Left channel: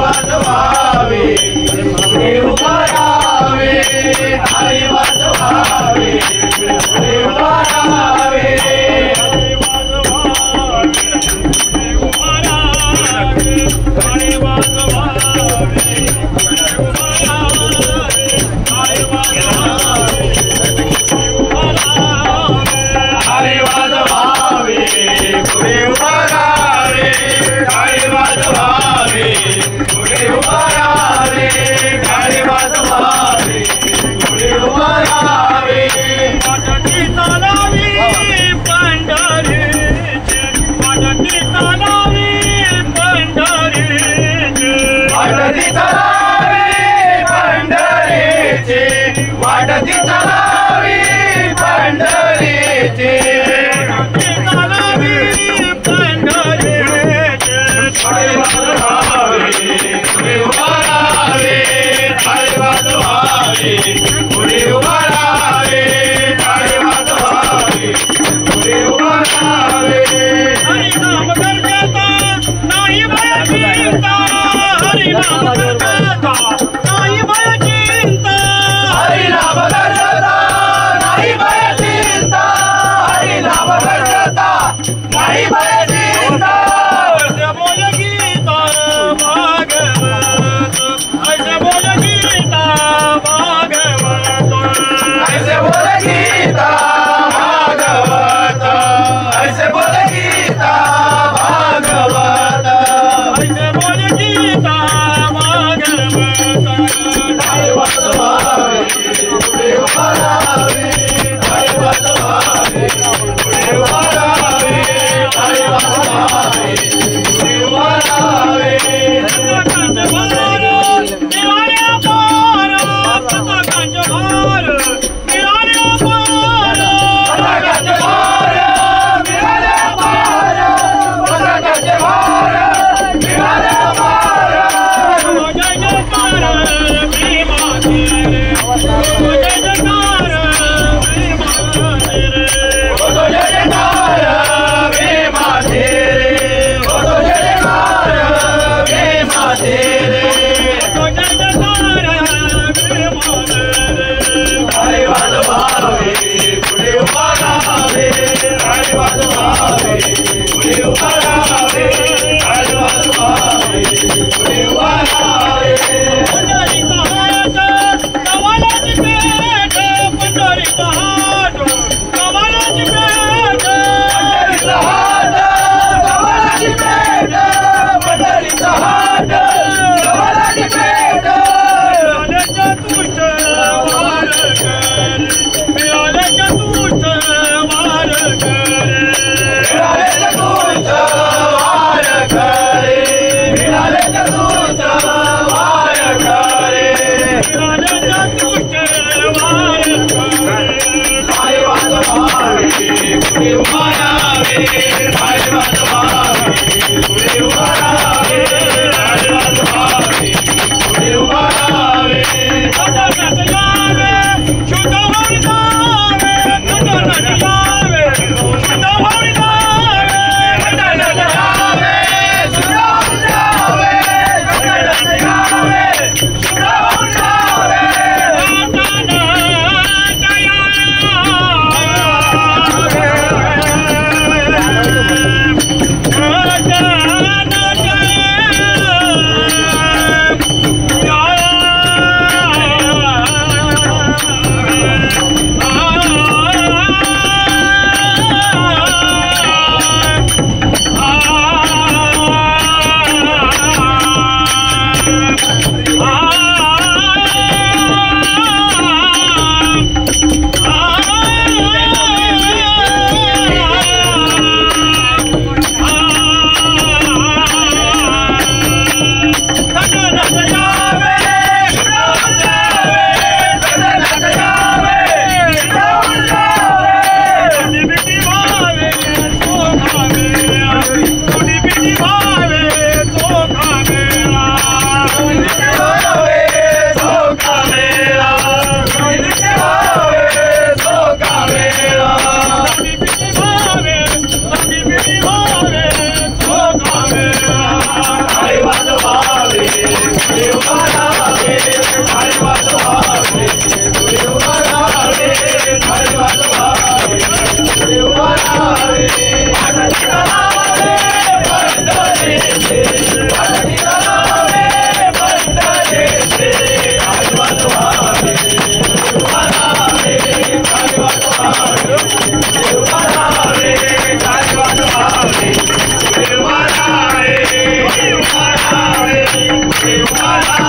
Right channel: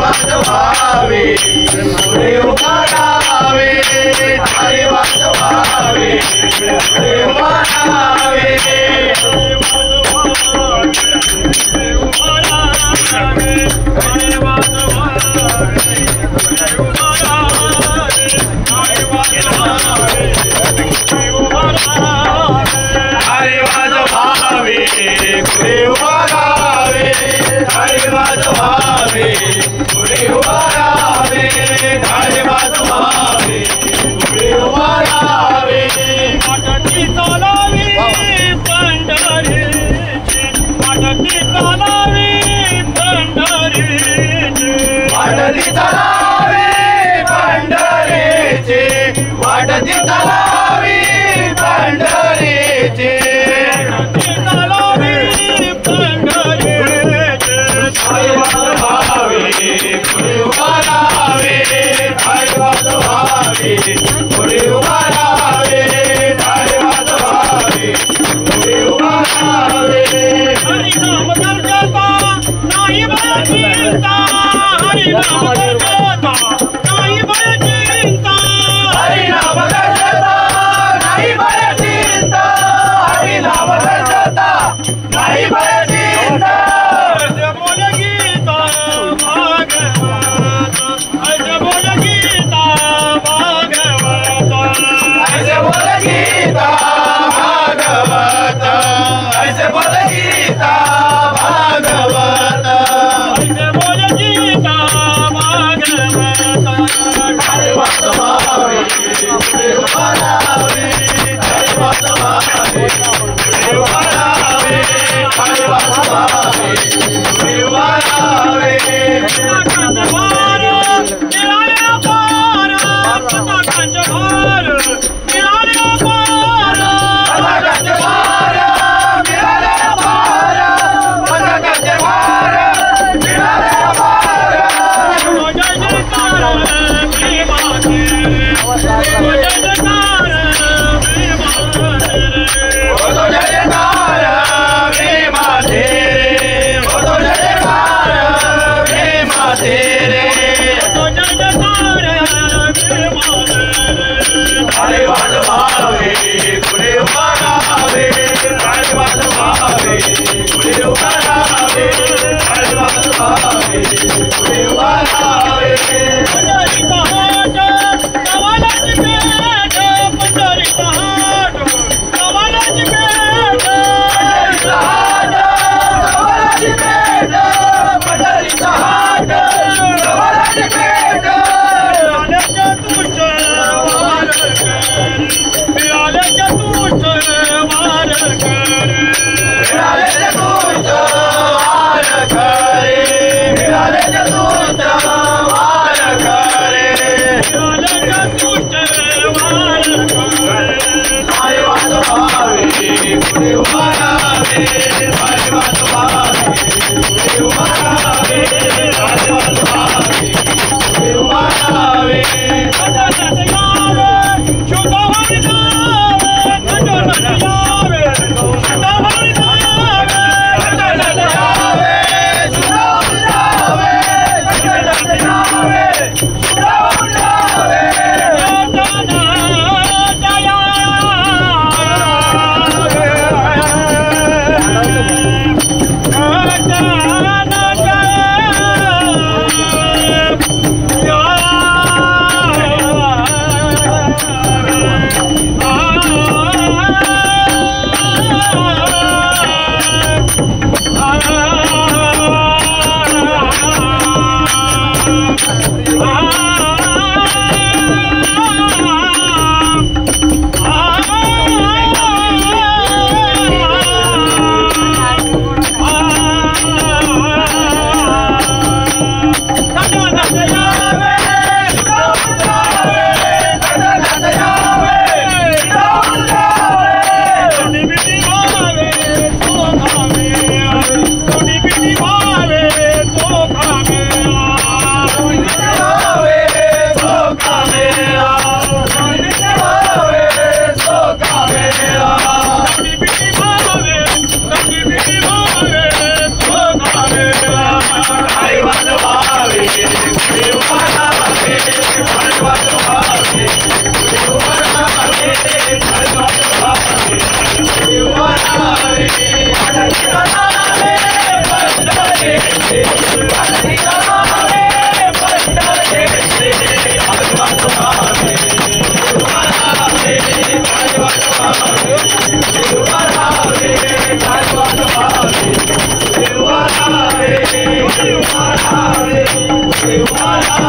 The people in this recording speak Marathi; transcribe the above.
वाजवावे पुढे उभा राहावे हरी वाजवावे पुढे उभा राहावे वाटती तलावी पंढरीचे तलावी पंढरीचे हरी वाजवावे पुढे उभा राहावे हरी वाजवावे पुढे उभा राहावे हरी वाजवावे पुढे उभा राहावे हरी नाम करता नाही भय चिंता हरी नाम करता नाही भय चिंता हरी नाम करता नाही भय चिंता हरी नाम करता नाही भय चिंता ऐसे बोल गीता भागवत ऐसे बोल गीता भागवत ऐसे बोल गीता भागवत ऐसे बोल गीता भागवत ऐसे बोल गीता भागवत हरी वाजवावे पुढे उभा राहावे हरी वाजवावे पुढे उभा राहावे हरी वाजवावे पुढे उभा राहावे कांच भार मिळाल्या पार कांच भार मिळाल्या पार कांच भार मिळाल्या पार कांच भार मिळाल्या पार जय जयकार भीमाचे जय जयकार भीमाचे जय जयकार भीमाचे जय जयकार भीमाचे जय जयकार भीमाचे हरी वाजवावे पुढे उभा राहावे हरी वाजवावे पुढे उभा राहावे हरी वाजवावे पुढे उभा राहावे पंढरीचा हात कवालाची पेठ पंढरीचा हात कवालाची पेठ पंढरीचा हात कवालाची पेठ पंढरीचा हात कवालाची पेठ मिळाल्याच्या तुझ वार कर मिळाल्याच्या तुझ वार कर मिळाल्याच्या तुझ वार कर मिळाल्याच्या तुझ वार कर मिळाल्याच्या तुझ वार कर हरी वाजवावे पुढे उभा राहावे हरी वाजवावे पुढे उभा राहावे हरी वाजवावे पुढे उभा राहावे पंढरीत यावे शुद्धहरी जावे पंढरीत यावे शुद्धहरी जावे पंढरीत यावे शुद्धहरी जावे पंढरीत यावे शुद्धहरी जावे Hare